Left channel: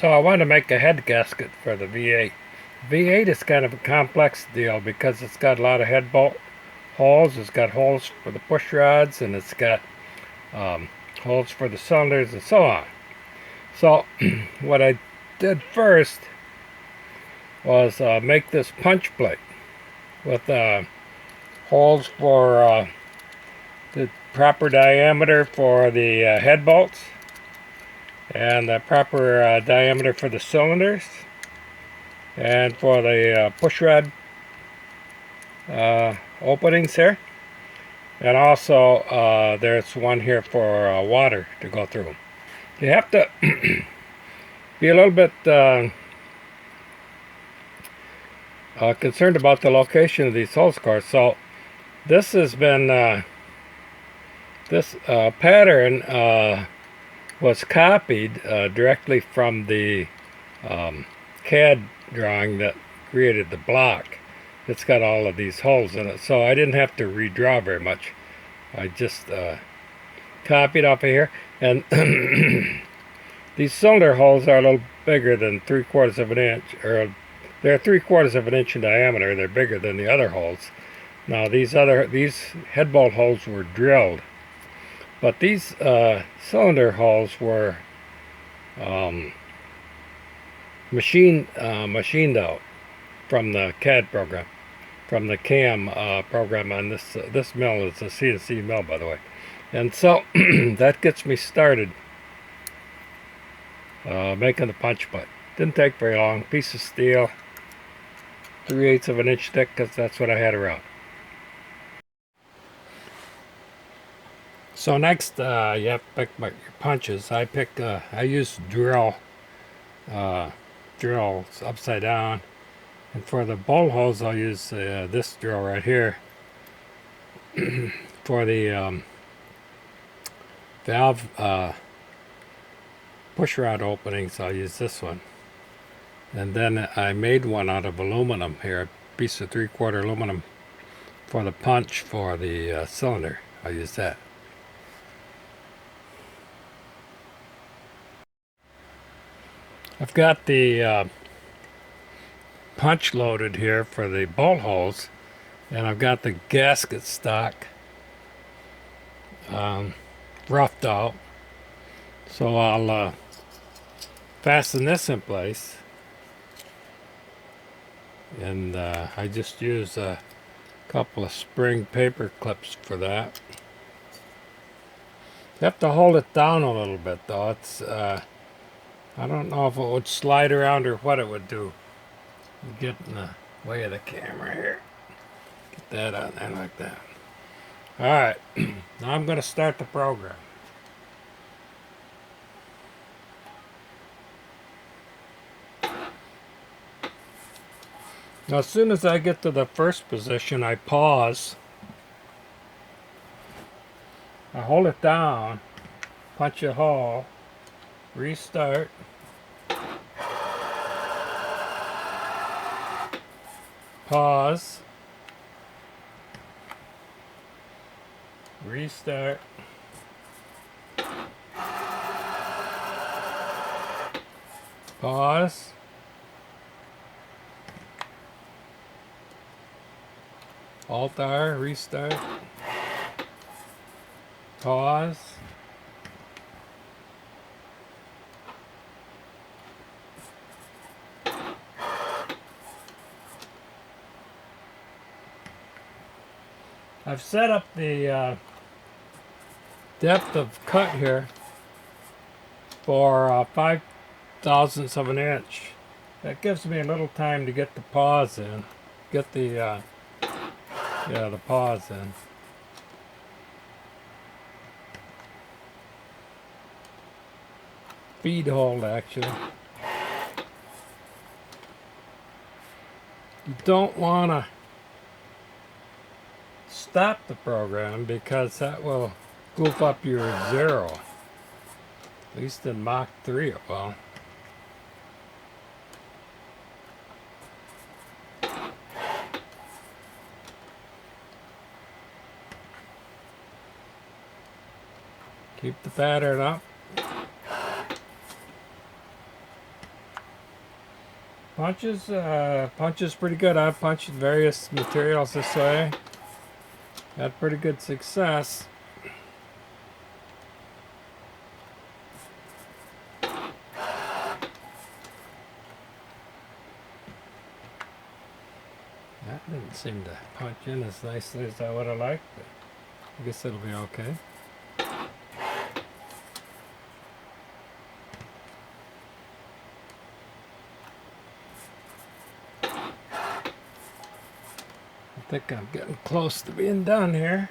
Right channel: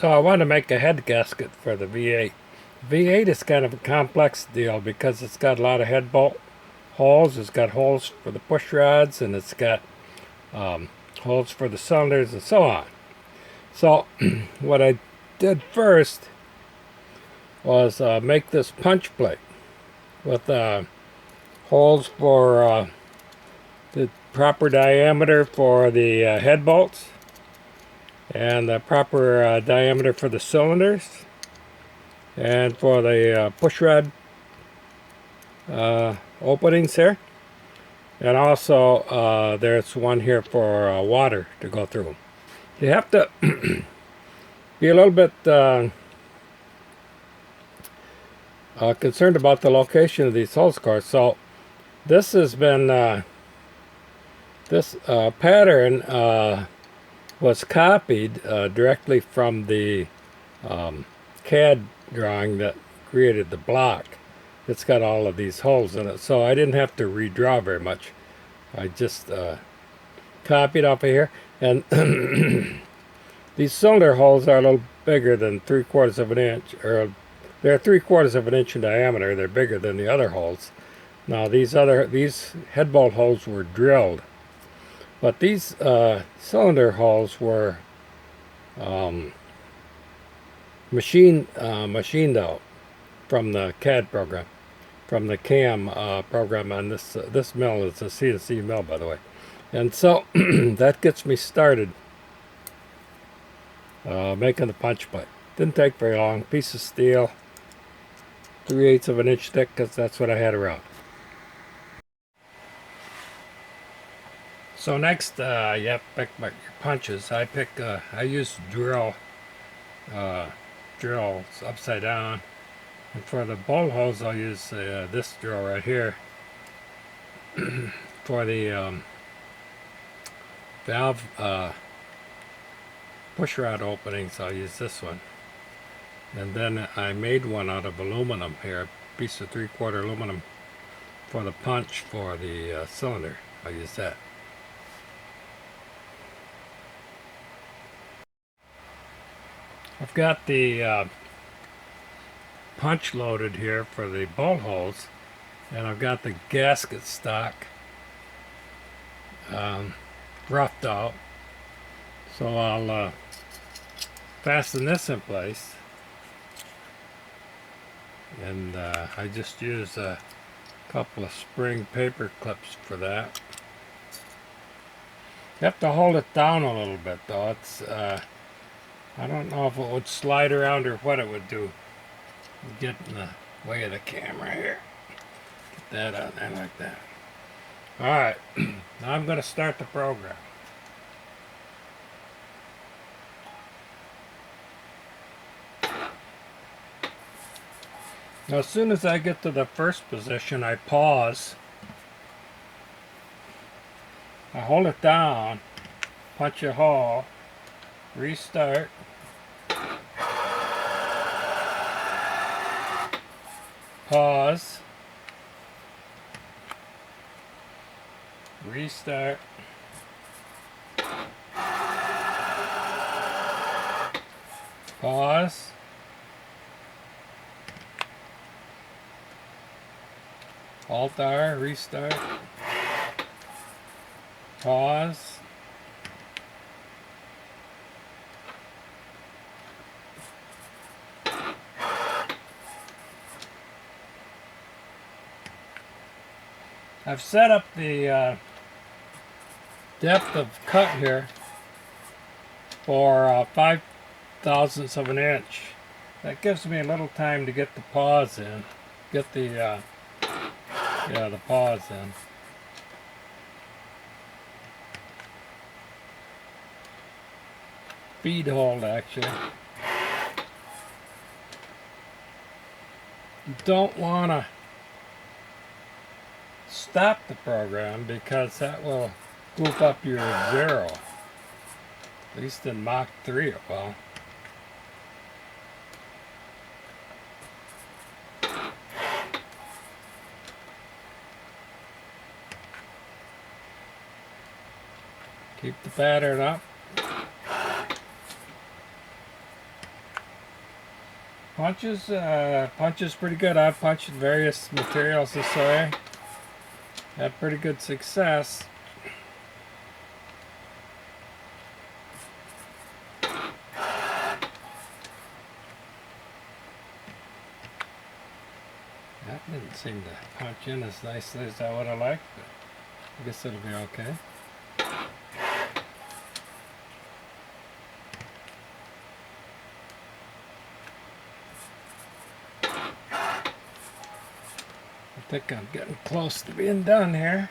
So I want to make a head gasket for the V8. V8 is kind of a complex deal because it's got a lot of head bolt holes. It's got holes for the push rods, and it's got holes for the cylinders and so on. So what I did first was make this punch plate with holes for the proper diameter for the head bolts and the proper diameter for the cylinders and for the push rod openings here. And also there's one here for water to go through. You have to be a little bit concerned about the location of these holes, of course. So this has been this pattern was copied directly from the CAD drawing that created the block. It's got all of these holes in it, so I didn't have to redraw very much. I just copied off of here, and these cylinder holes are a little bigger than 3/4 of an inch, or they're 3/4 of an inch in diameter. They're bigger than the other holes. Now these head bolt holes were drilled, but these cylinder holes were machined out from the CAD program, from the CAM program on this. This mill is a CNC mill, by the way. And so that gets me started making the punch plate. Didn't take very long. Piece of steel, 3/8 of an inch thick, because that's what I had around. So next, you have to pick your punches. I use drills upside down, and for the bolt holes, I'll use this drill right here. For the valve push rod openings, I'll use this one. And then I made one out of aluminum here, a piece of 3/4 aluminum for the punch for the cylinder. I'll use that. I've got the punch loaded here for the bolt holes, and I've got the gasket stock roughed out. So I'll fasten this in place, and I just use a couple of spring paper clips for that. You have to hold it down a little bit though. It's I don't know if it would slide around or what it would do. Get in the way of the camera here. Get that on there like that. Alright, now I'm going to start the program. Now as soon as I get to the first position, I pause. I hold it down, punch a hole, restart. Pause. Restart. Pause. Alt R, restart. Pause. I've set up the depth of cut here for 5/1000ths of an inch. That gives me a little time to get the pause in, get the the pause in. Feed hold, actually. You don't want to stop the program because that will goof up your zero. At least in Mach 3 it will. Keep the pattern up. Punches pretty good. I've punched various materials this way. Had pretty good success. That didn't seem to punch in as nicely as I would have liked, but I guess it'll be okay. I think I'm getting close to being done here.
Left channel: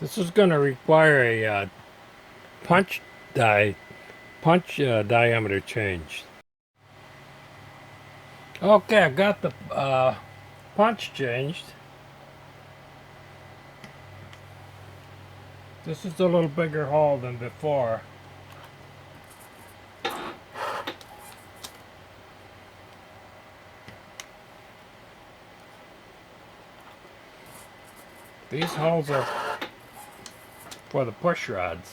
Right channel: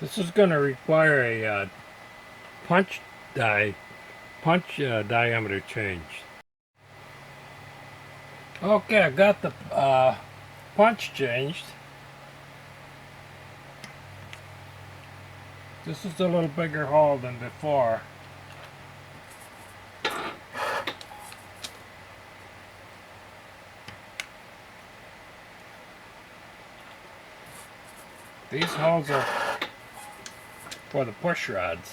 This is going to require a punch diameter change. Okay, I've got the punch changed. This is a little bigger hole than before. These holes are for the push rods.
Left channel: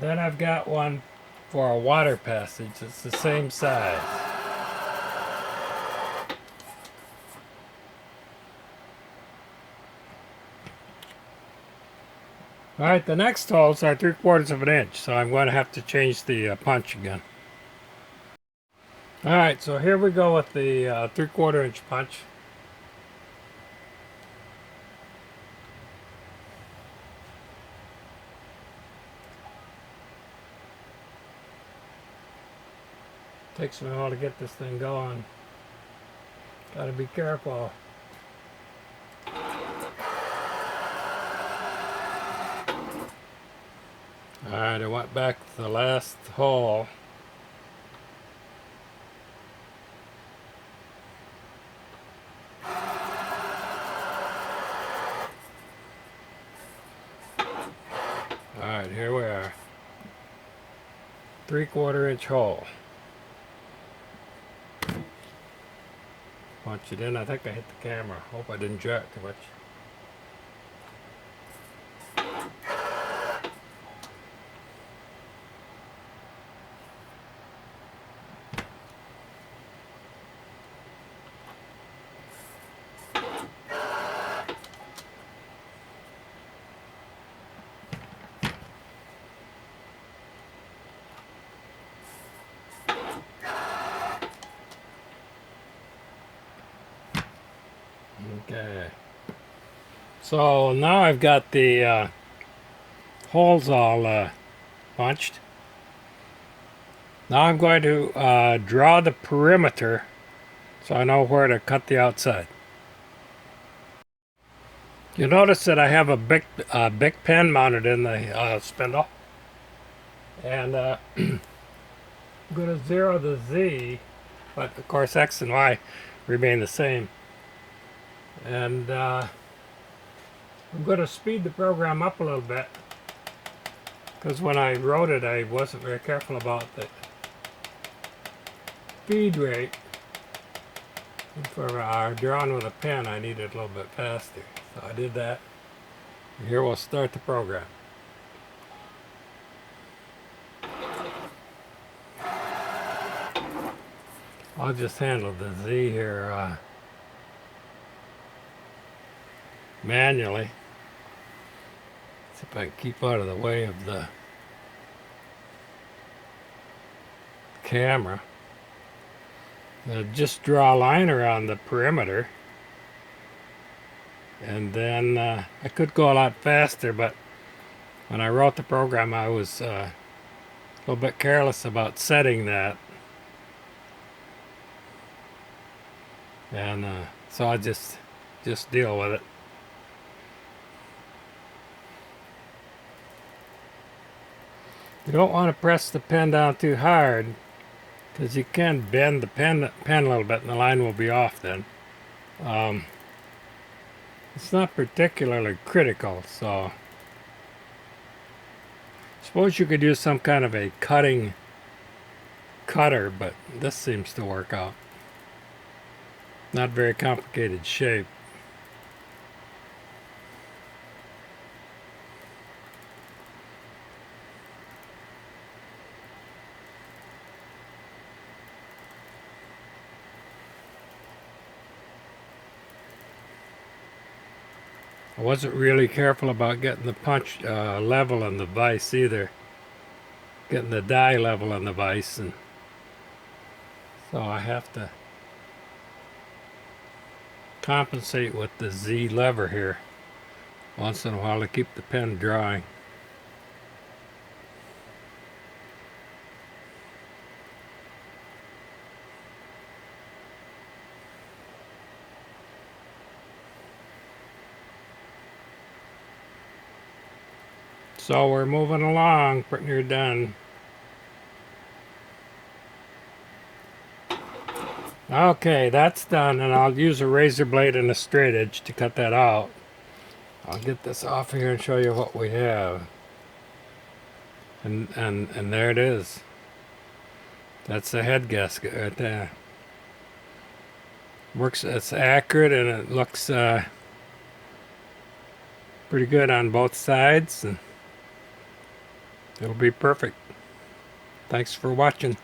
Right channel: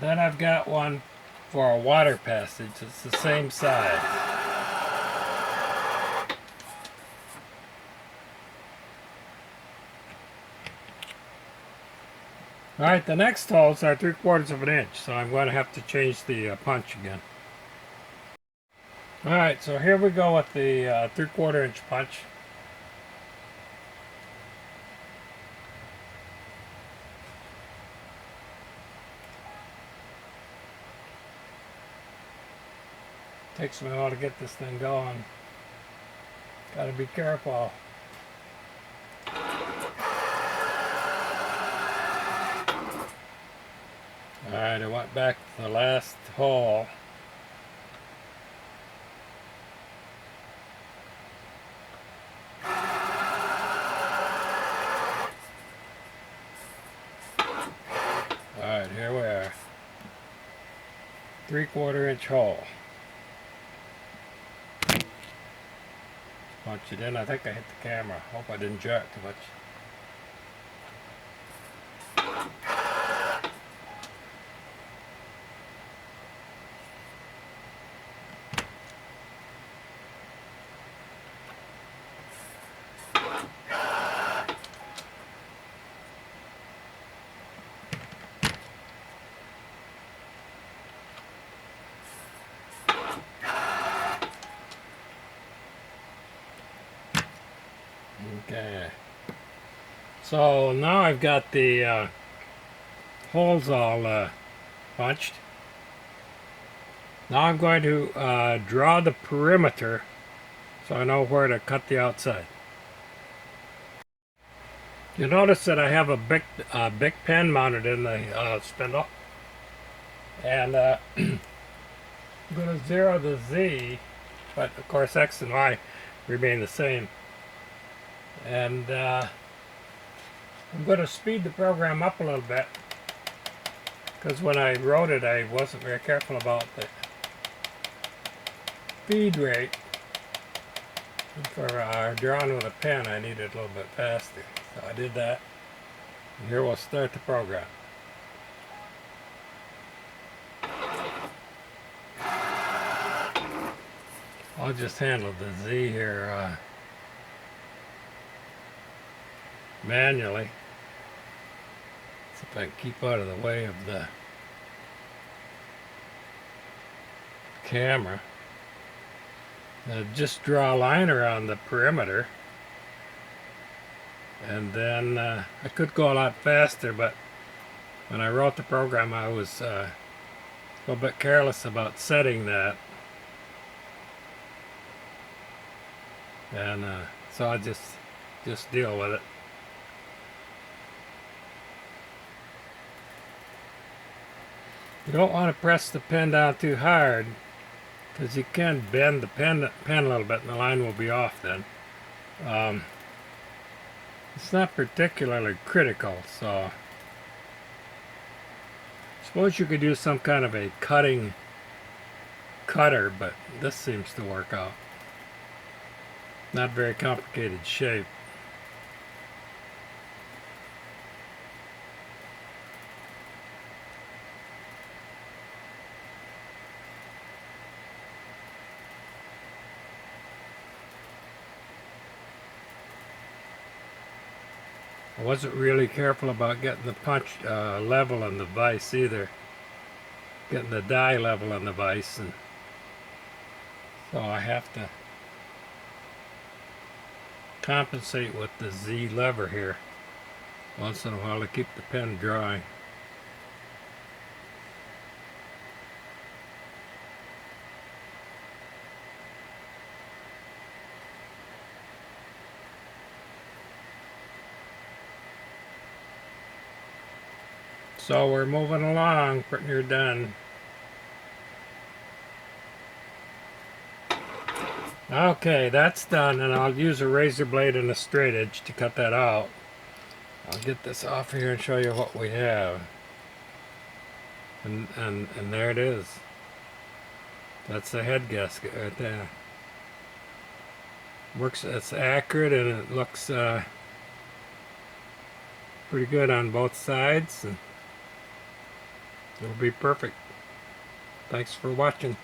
Then I've got one for a water passage. It's the same size. Alright, the next holes are 3/4 of an inch, so I'm going to have to change the punch again. Alright, so here we go with the 3/4 inch punch. Takes me a while to get this thing going. Gotta be careful. Alright, I went back to the last hole. Alright, here we are. 3/4 inch hole. Punch it in. I think I hit the camera. Hope I didn't jerk too much. Okay. So now I've got the holes all punched. Now I'm going to draw the perimeter so I know where to cut the outside. You notice that I have a big pen mounted in the spindle, and I'm going to zero the Z, but of course X and Y remain the same. And I'm going to speed the program up a little bit, because when I wrote it I wasn't very careful about the feed rate. And for drawing with a pen I needed a little bit faster, so I did that. And here we'll start the program. I'll just handle the Z here manually. See if I can keep out of the way of the camera. Just draw a line around the perimeter, and then I could go a lot faster, but when I wrote the program I was a little bit careless about setting that, and so I just deal with it. You don't want to press the pen down too hard, because you can bend the pen a little bit and the line will be off then. It's not particularly critical, so I suppose you could use some kind of a cutting cutter, but this seems to work out. Not very complicated shape. I wasn't really careful about getting the punch level on the vise either. Getting the die level on the vise, and so I have to compensate with the Z lever here once in a while to keep the pen drawing. So we're moving along, pretty near done. Okay, that's done, and I'll use a razor blade and a straight edge to cut that out. I'll get this off here and show you what we have. And there it is. That's the head gasket right there. Works, it's accurate, and it looks pretty good on both sides, and it'll be perfect. Thanks for watching.